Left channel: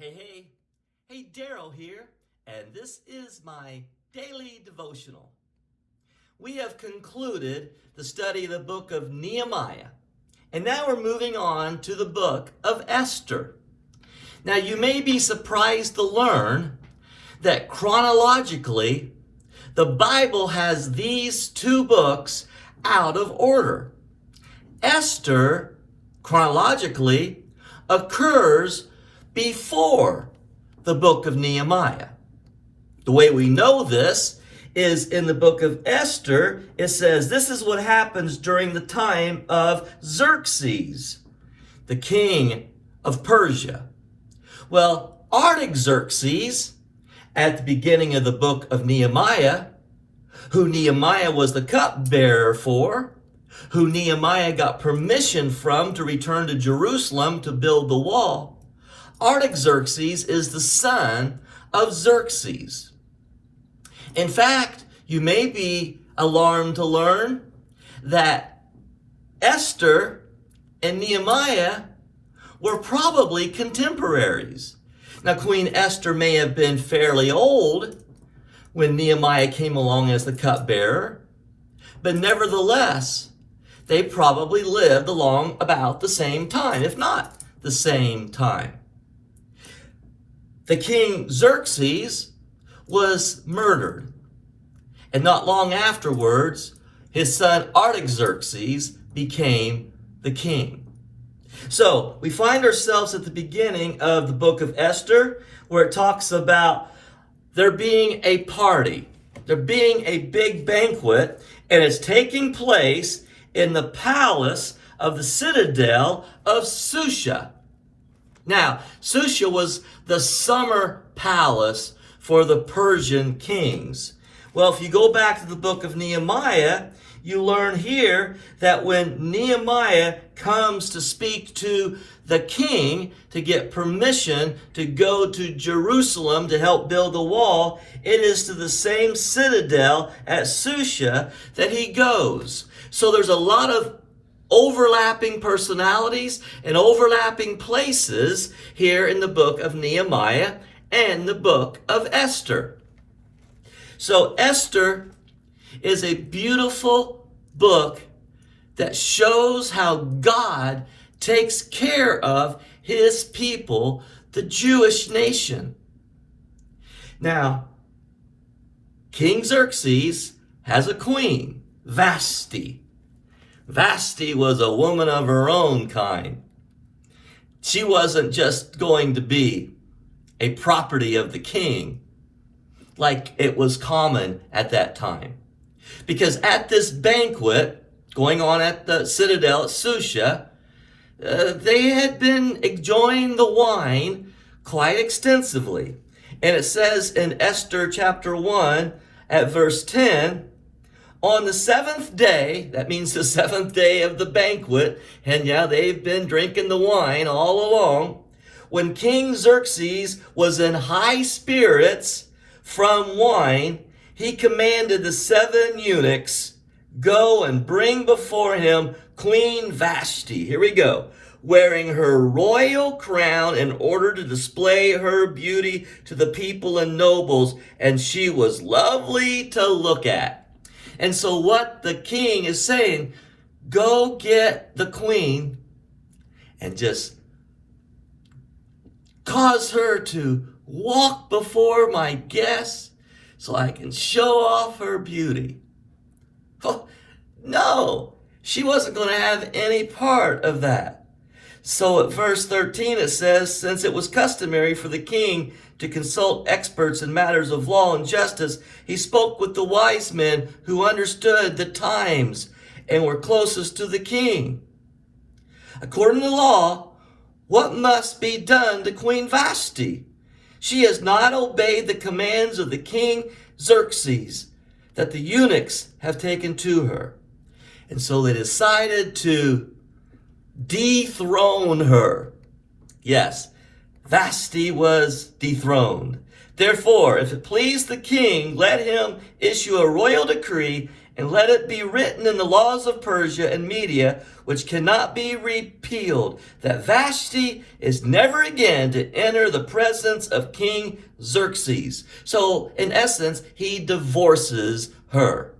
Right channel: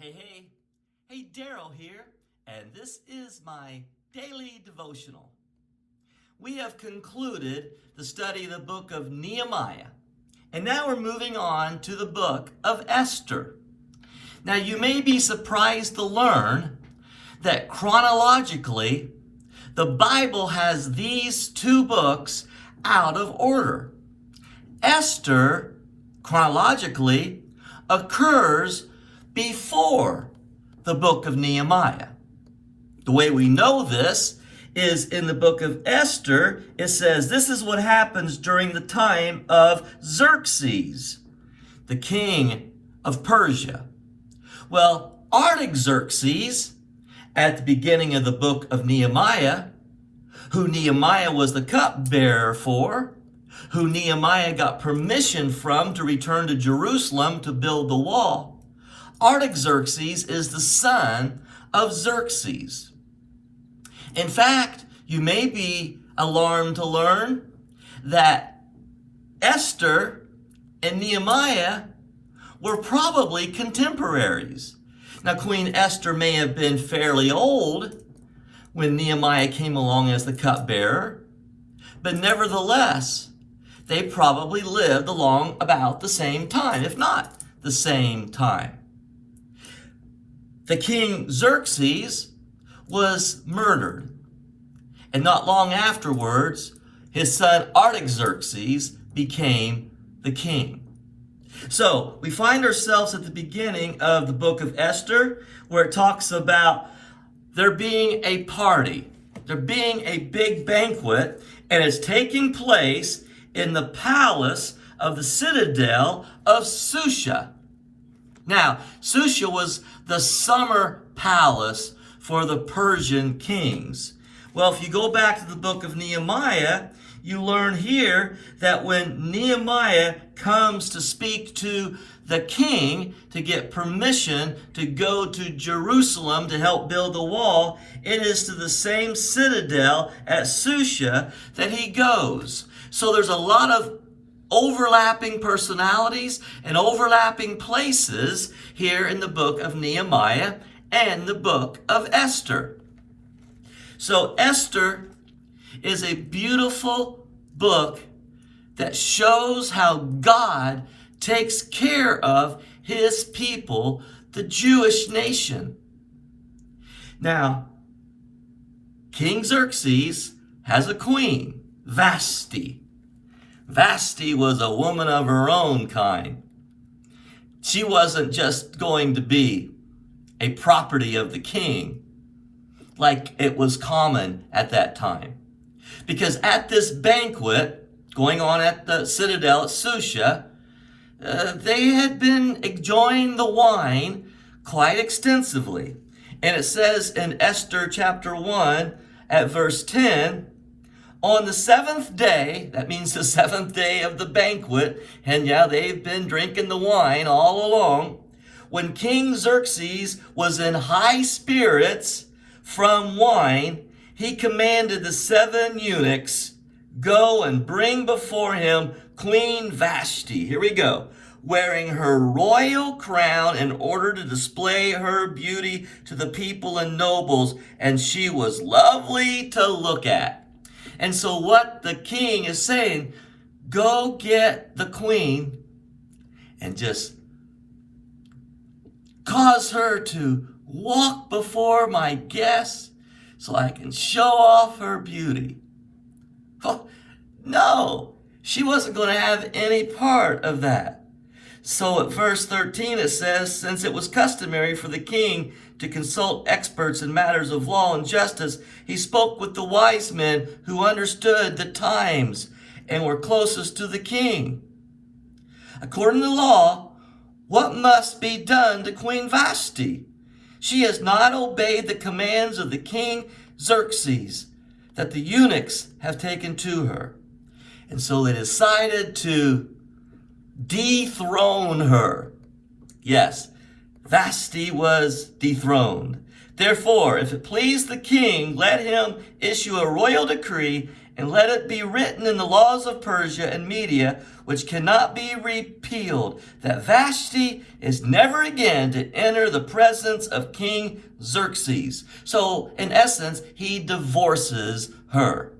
Hey, Daryl here, and this is my daily devotional. We have concluded the study of the book of Nehemiah, and now we're moving on to the book of Esther. Now, you may be surprised to learn that chronologically, the Bible has these two books out of order. Esther, chronologically, occurs before the book of Nehemiah. The way we know this is in the book of Esther. It says this is what happens during the time of Xerxes, the king of Persia. Well, Artaxerxes, at the beginning of the book of Nehemiah, who Nehemiah was the cupbearer for, who Nehemiah got permission from to return to Jerusalem to build the wall, Artaxerxes is the son of Xerxes. In fact, you may be alarmed to learn that Esther and Nehemiah were probably contemporaries. Now, Queen Esther may have been fairly old when Nehemiah came along as the cupbearer, but nevertheless, they probably lived along about the same time, if not the same time. The king Xerxes was murdered, and not long afterwards, his son Artaxerxes became the king. So we find ourselves at the beginning of the book of Esther, where it talks about there being a party, there being a big banquet, and it's taking place in the palace of the citadel of Shusha. Now, Shusha was the summer palace for the Persian kings. Well, if you go back to the book of Nehemiah, you learn here that when Nehemiah comes to speak to the king to get permission to go to Jerusalem to help build the wall, it is to the same citadel at Shusha that he goes. So there's a lot of overlapping personalities and overlapping places here in the book of Nehemiah and the book of Esther. So Esther is a beautiful book that shows how God takes care of his people, the Jewish nation. Now, King Xerxes has a queen, Vashti. Vashti was a woman of her own kind. She wasn't just going to be a property of the king like it was common at that time. Because at this banquet going on at the citadel at Shusha, they had been enjoying the wine quite extensively. And it says in Esther chapter 1 at verse 10, on the seventh day, that means the seventh day of the banquet, and yeah, they've been drinking the wine all along, when King Xerxes was in high spirits from wine, he commanded the 7 eunuchs, go and bring before him Queen Vashti. Here we go. Wearing her royal crown in order to display her beauty to the people and nobles, and she was lovely to look at. And so what the king is saying, go get the queen and just cause her to walk before my guests so I can show off her beauty. Oh, no, she wasn't going to have any part of that. So at verse 13 it says, since it was customary for the king to consult experts in matters of law and justice, he spoke with the wise men who understood the times and were closest to the king. According to law, what must be done to Queen Vashti? She has not obeyed the commands of the king Xerxes that the eunuchs have taken to her. And so they decided to dethrone her. Yes, Vashti was dethroned. Therefore, if it please the king, let him issue a royal decree and let it be written in the laws of Persia and Media, which cannot be repealed, that Vashti is never again to enter the presence of King Xerxes. So, in essence, he divorces her.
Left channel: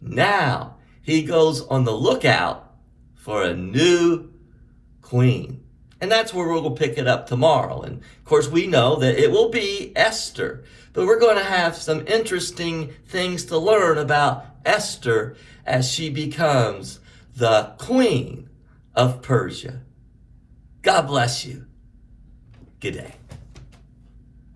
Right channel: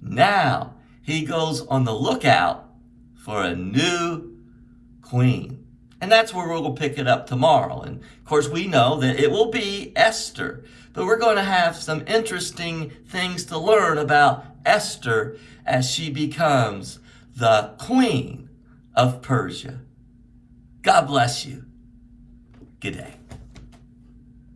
Now, he goes on the lookout for a new queen. And that's where we'll pick it up tomorrow. And of course, we know that it will be Esther. But we're going to have some interesting things to learn about Esther as she becomes the queen of Persia. God bless you. Good day.